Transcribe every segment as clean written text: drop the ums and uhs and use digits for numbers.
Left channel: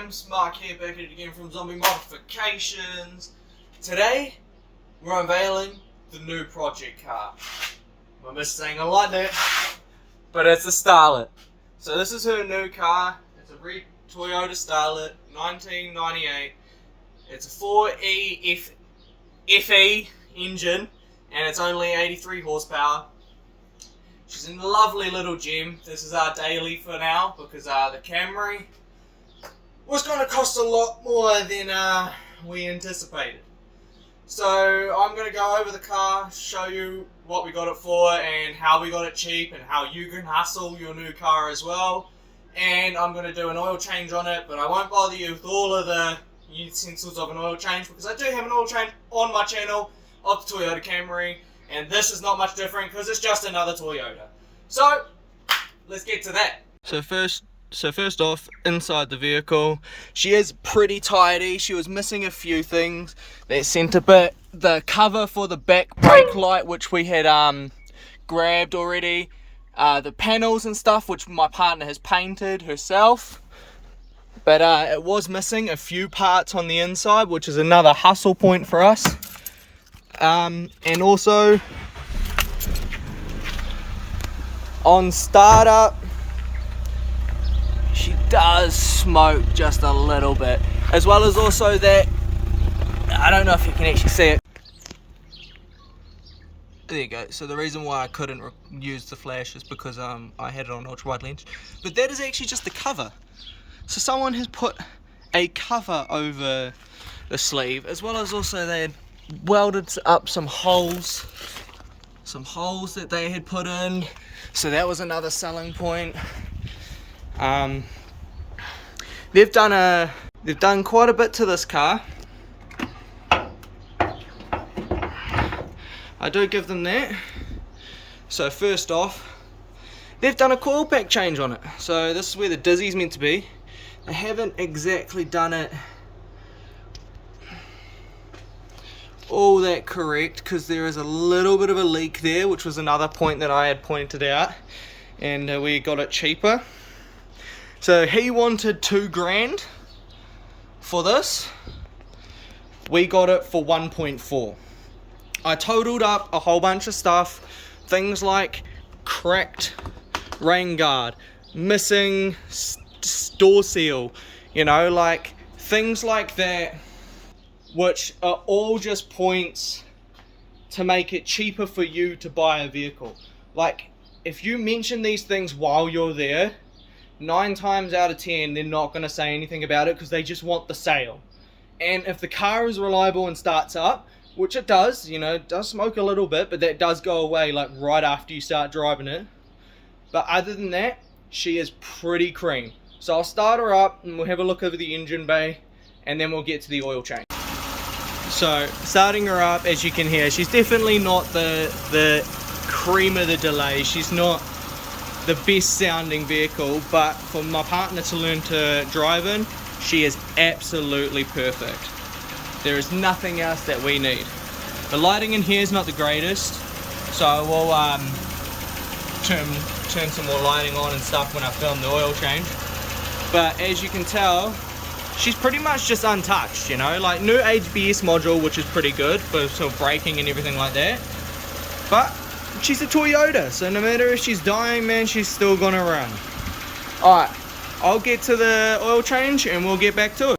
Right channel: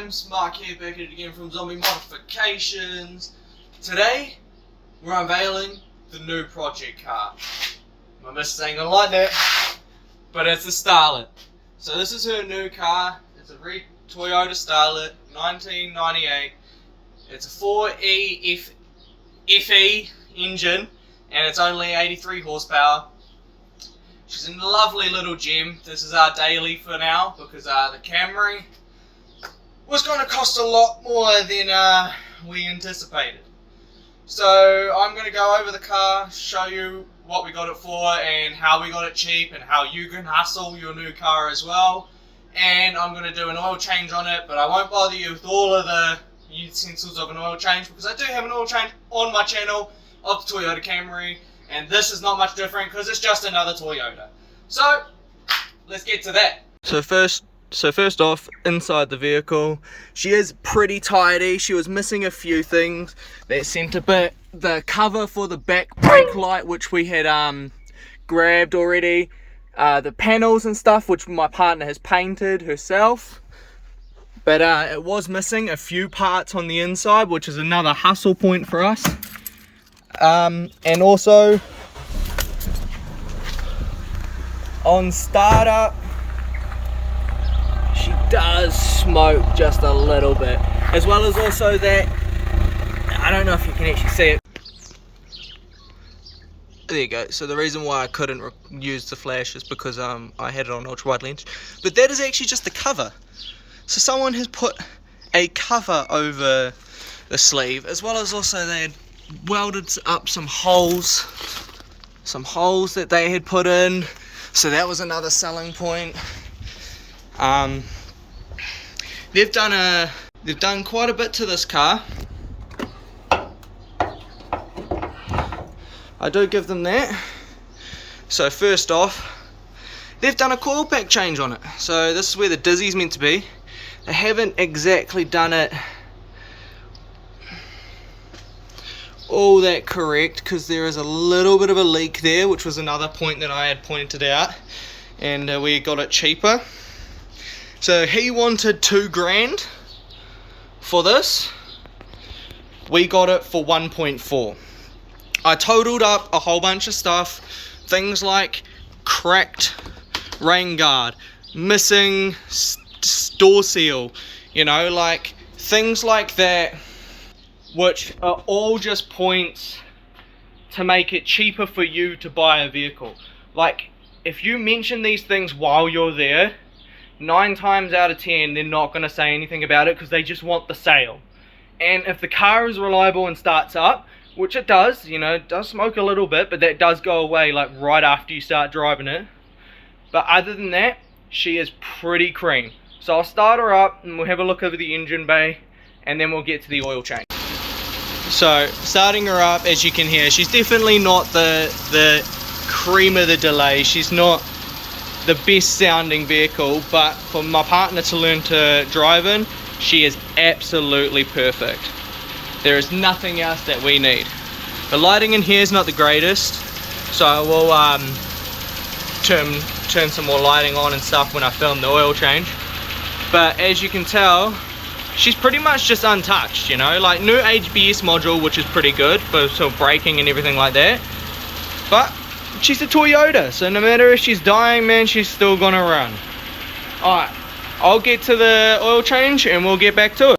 Fams, Mark here, back at it again from Zombie Modifications. Today, we're unveiling the new project car. I missed saying it like that, but it's a Starlet. So this is her new car. It's a red Toyota Starlet, 1998. It's a 4E FE engine, and it's only 83 horsepower. She's a lovely little gem. This is our daily for now, because the Camry was going to cost a lot more than we anticipated. So I'm going to go over the car, show you what we got it for and how we got it cheap and how you can hustle your new car as well. And I'm going to do an oil change on it, but I won't bother you with all of the utensils of an oil change, because I do have an oil change on my channel of the Toyota Camry, and this is not much different because it's just another Toyota. So let's get to that. So first off, inside the vehicle, she is pretty tidy. She was missing a few things. That centre bit, the cover for the back brake light, which we had grabbed already, the panels and stuff, which my partner has painted herself, but it was missing a few parts on the inside, which is another hustle point for us. And also on startup, she does smoke just a little bit, as well as also that, I don't know if you can actually see it. There you go. So the reason why I couldn't use the flash is because I had it on ultra wide lens, but that is actually just the cover. So someone has put a cover over the sleeve, as well as also they had welded up some holes that they had put in, so that was another selling point. They've done quite a bit to this car. I do give them that. So first off, they've done a coil pack change on it. So this is where the dizzy's meant to be. They haven't exactly done it all that correct, because there is a little bit of a leak there, which was another point that I had pointed out, and we got it cheaper. So he wanted $2,000 for this. We got it for 1.4. I totaled up a whole bunch of stuff, things like cracked rain guard, missing door seal, you know, like things like that, which are all just points to make it cheaper for you to buy a vehicle. Like, if you mention these things while you're there, 9 times out of 10 they're not going to say anything about it, because they just want the sale. And if the car is reliable and starts up, which it does, you know, it does smoke a little bit, but that does go away like right after you start driving it. But other than that, she is pretty cream. So I'll start her up and we'll have a look over the engine bay, and then we'll get to the oil change. So starting her up, as you can hear, she's definitely not the cream of the delay. She's not the best sounding vehicle, but for my partner to learn to drive in, she is absolutely perfect. There is nothing else that we need. The lighting in here is not the greatest, so I will turn some more lighting on and stuff when I film the oil change. But as you can tell, she's pretty much just untouched, you know, like new ABS module, which is pretty good for sort of braking and everything like that. But she's a Toyota, so no matter if she's dying, man, she's still gonna run. Alright, I'll get to the oil change and we'll get back to it.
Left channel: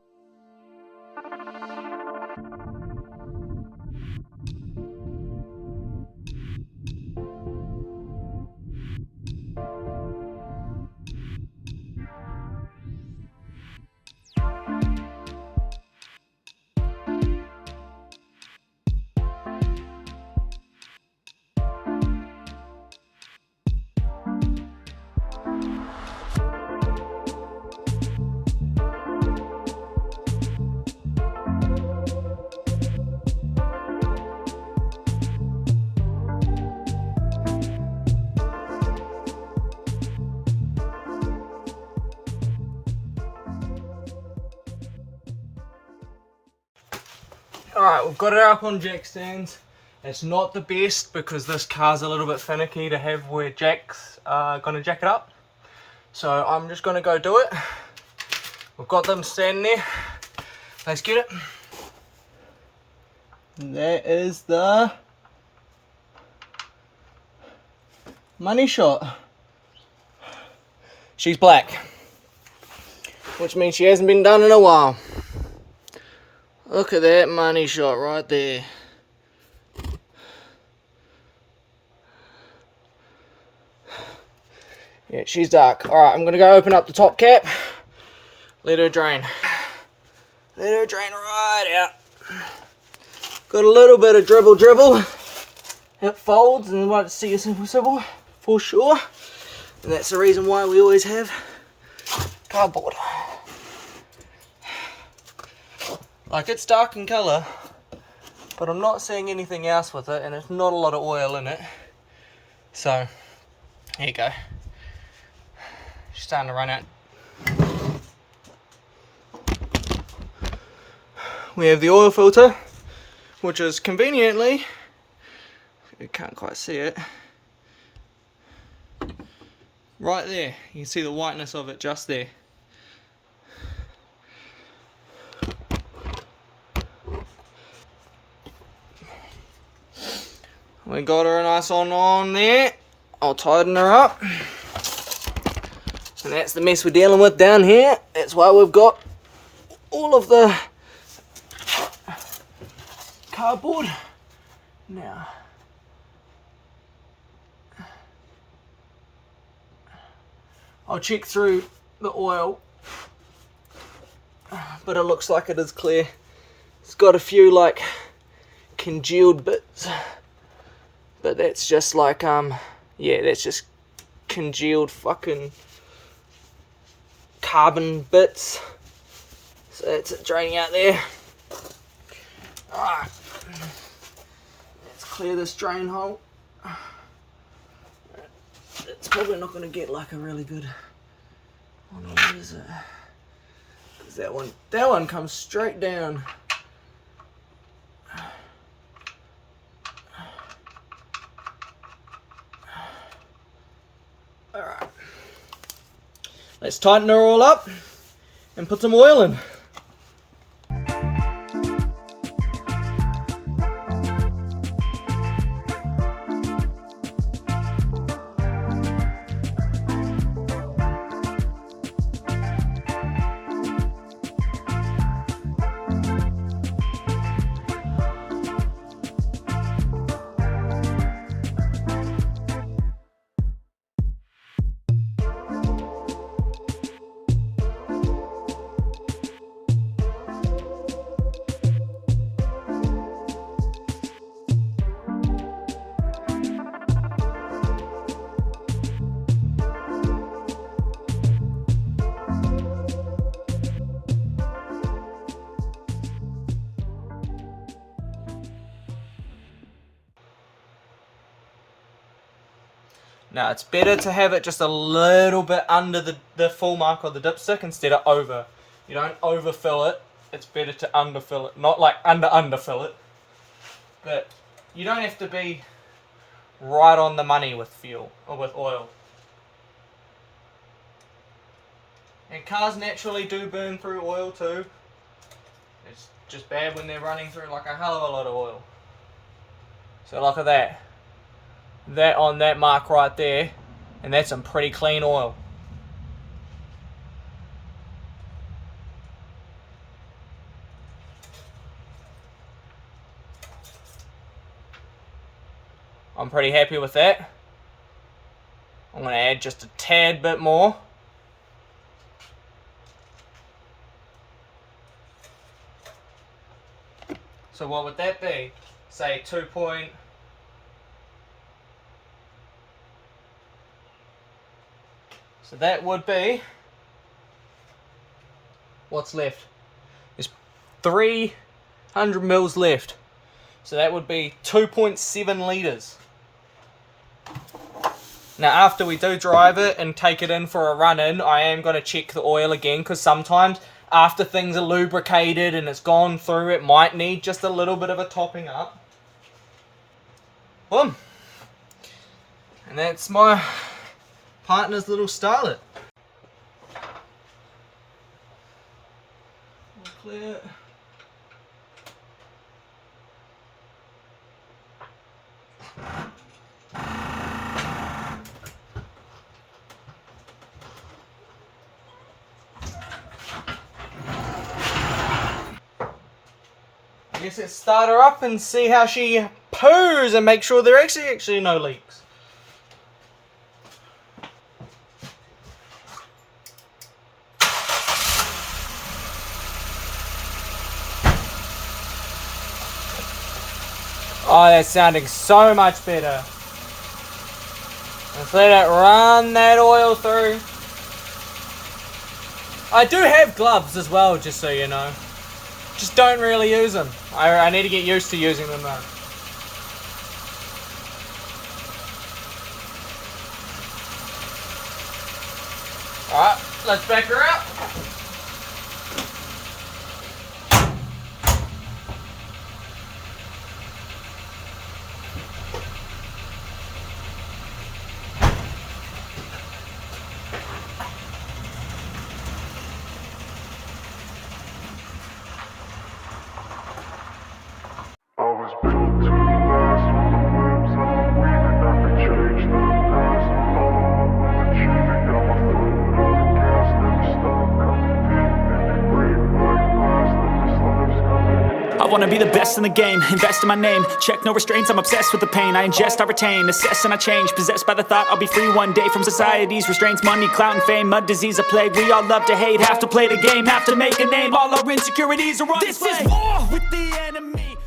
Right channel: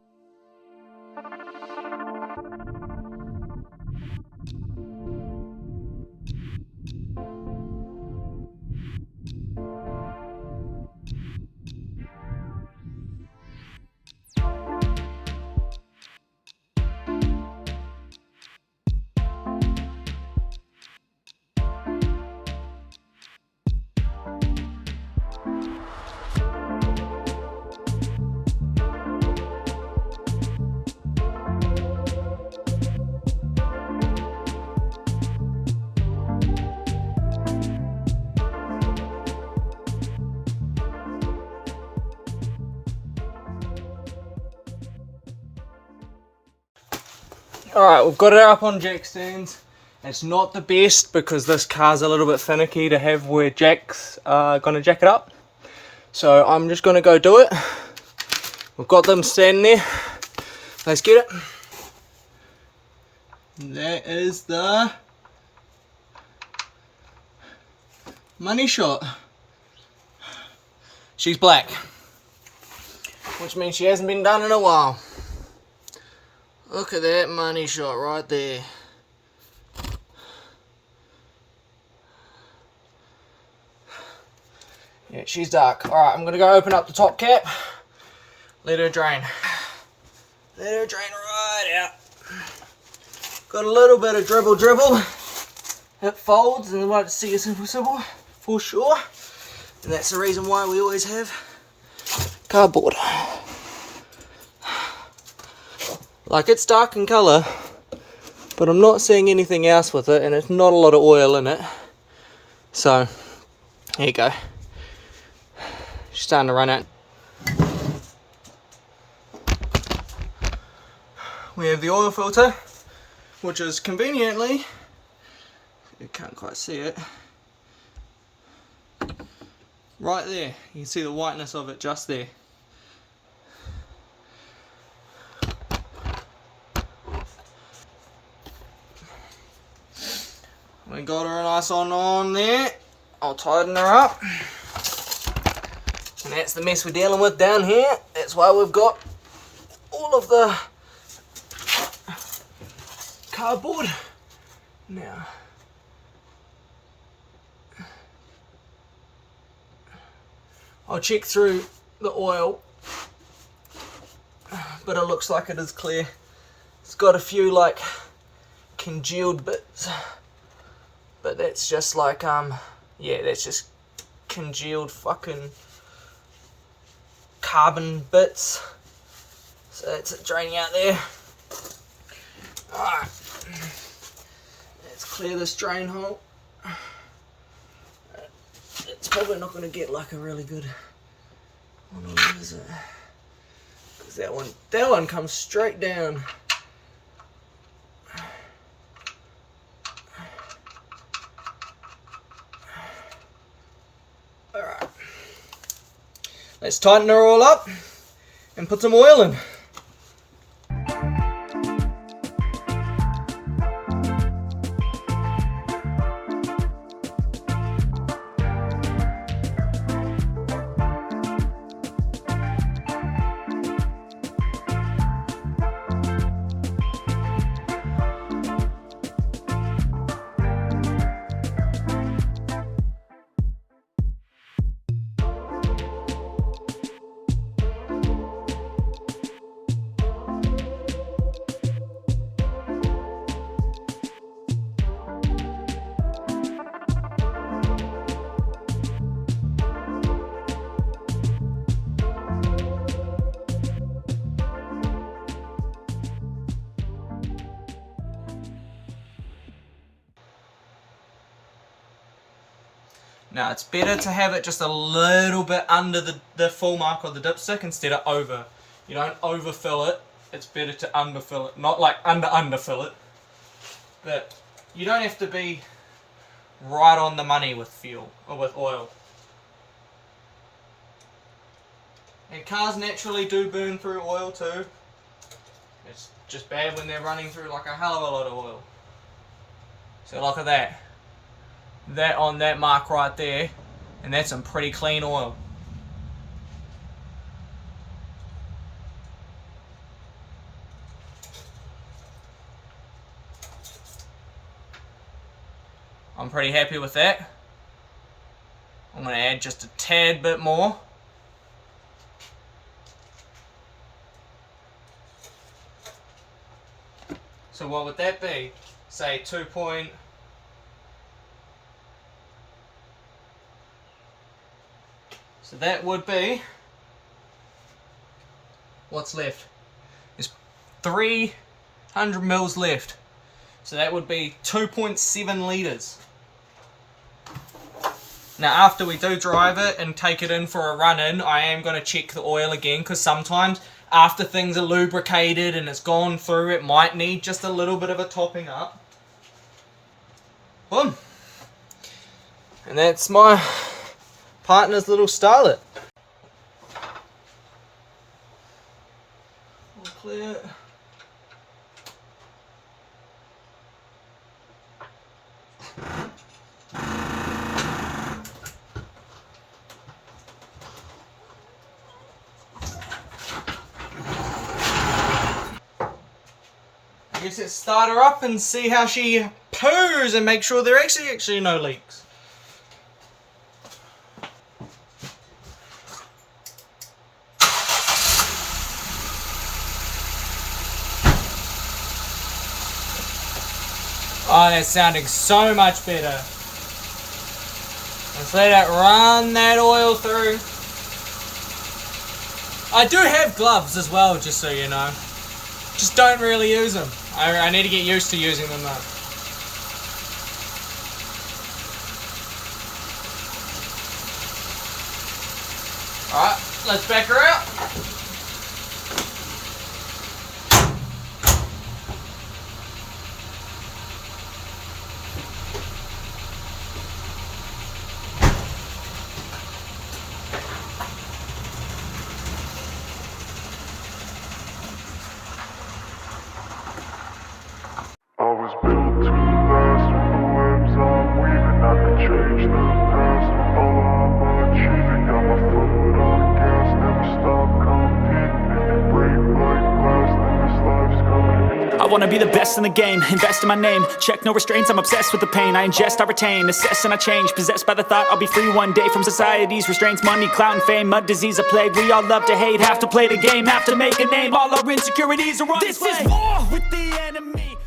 Alright, we've got it up on jack stands. It's not the best because this car's a little bit finicky to have where jacks are going to jack it up. So I'm just going to go do it. We've got them standing there. Let's get it. And that is the money shot. She's black, which means she hasn't been done in a while. Look at that money shot right there. Yeah, she's dark. Alright, I'm gonna go open up the top cap. Let her drain. Let her drain right out. Got a little bit of dribble. It folds and you might see a simple for sure. And that's the reason why we always have cardboard. Like, it's dark in colour, but I'm not seeing anything else with it, and it's not a lot of oil in it. So, here you go. She's starting to run out. We have the oil filter, which is conveniently, you can't quite see it, right there. You can see the whiteness of it just there. We got her a nice on there. I'll tighten her up. And that's the mess we're dealing with down here. That's why we've got all of the cardboard. Now, I'll check through the oil, but it looks like it is clear. It's got a few like congealed bits, but that's just like yeah, that's just congealed fucking carbon bits. So that's it draining out there. Alright, let's clear this drain hole. It's probably not going to get like a really good one, is it? Because that one comes straight down. Alright, let's tighten her all up and put some oil in. Now it's better to have it just a little bit under the full mark of the dipstick instead of over. You don't overfill it, it's better to underfill it. Not like underfill it, but you don't have to be right on the money with fuel or with oil. And cars naturally do burn through oil too. It's just bad when they're running through like a hell of a lot of oil. So look at that. That on that mark right there, and that's some pretty clean oil. I'm pretty happy with that. I'm going to add just a tad bit more. So what would that be? Say 2 point... So that would be, what's left? There's 300 mils left. So that would be 2.7 litres. Now after we do drive it and take it in for a run in, I am going to check the oil again, because sometimes after things are lubricated and it's gone through, it might need just a little bit of a topping up. Boom. And that's my partner's little starlet. clear. I guess let's start her up and see how she poos and make sure there are actually no leaks. Oh, that's sounding so much better. Let's let it run that oil through. I do have gloves as well, just so you know. Just don't really use them. I need to get used to using them though. Alright, let's back her out. I wanna be the best in the game, invest in my name. Check no restraints, I'm obsessed with the pain. I ingest, I retain, assess and I change. Possessed by the thought I'll be free one day from society's restraints. Money, clout and fame, mud, disease, a plague. We all love to hate, have to play the game, have to make a name. All our insecurities are on display. This is war with the enemy.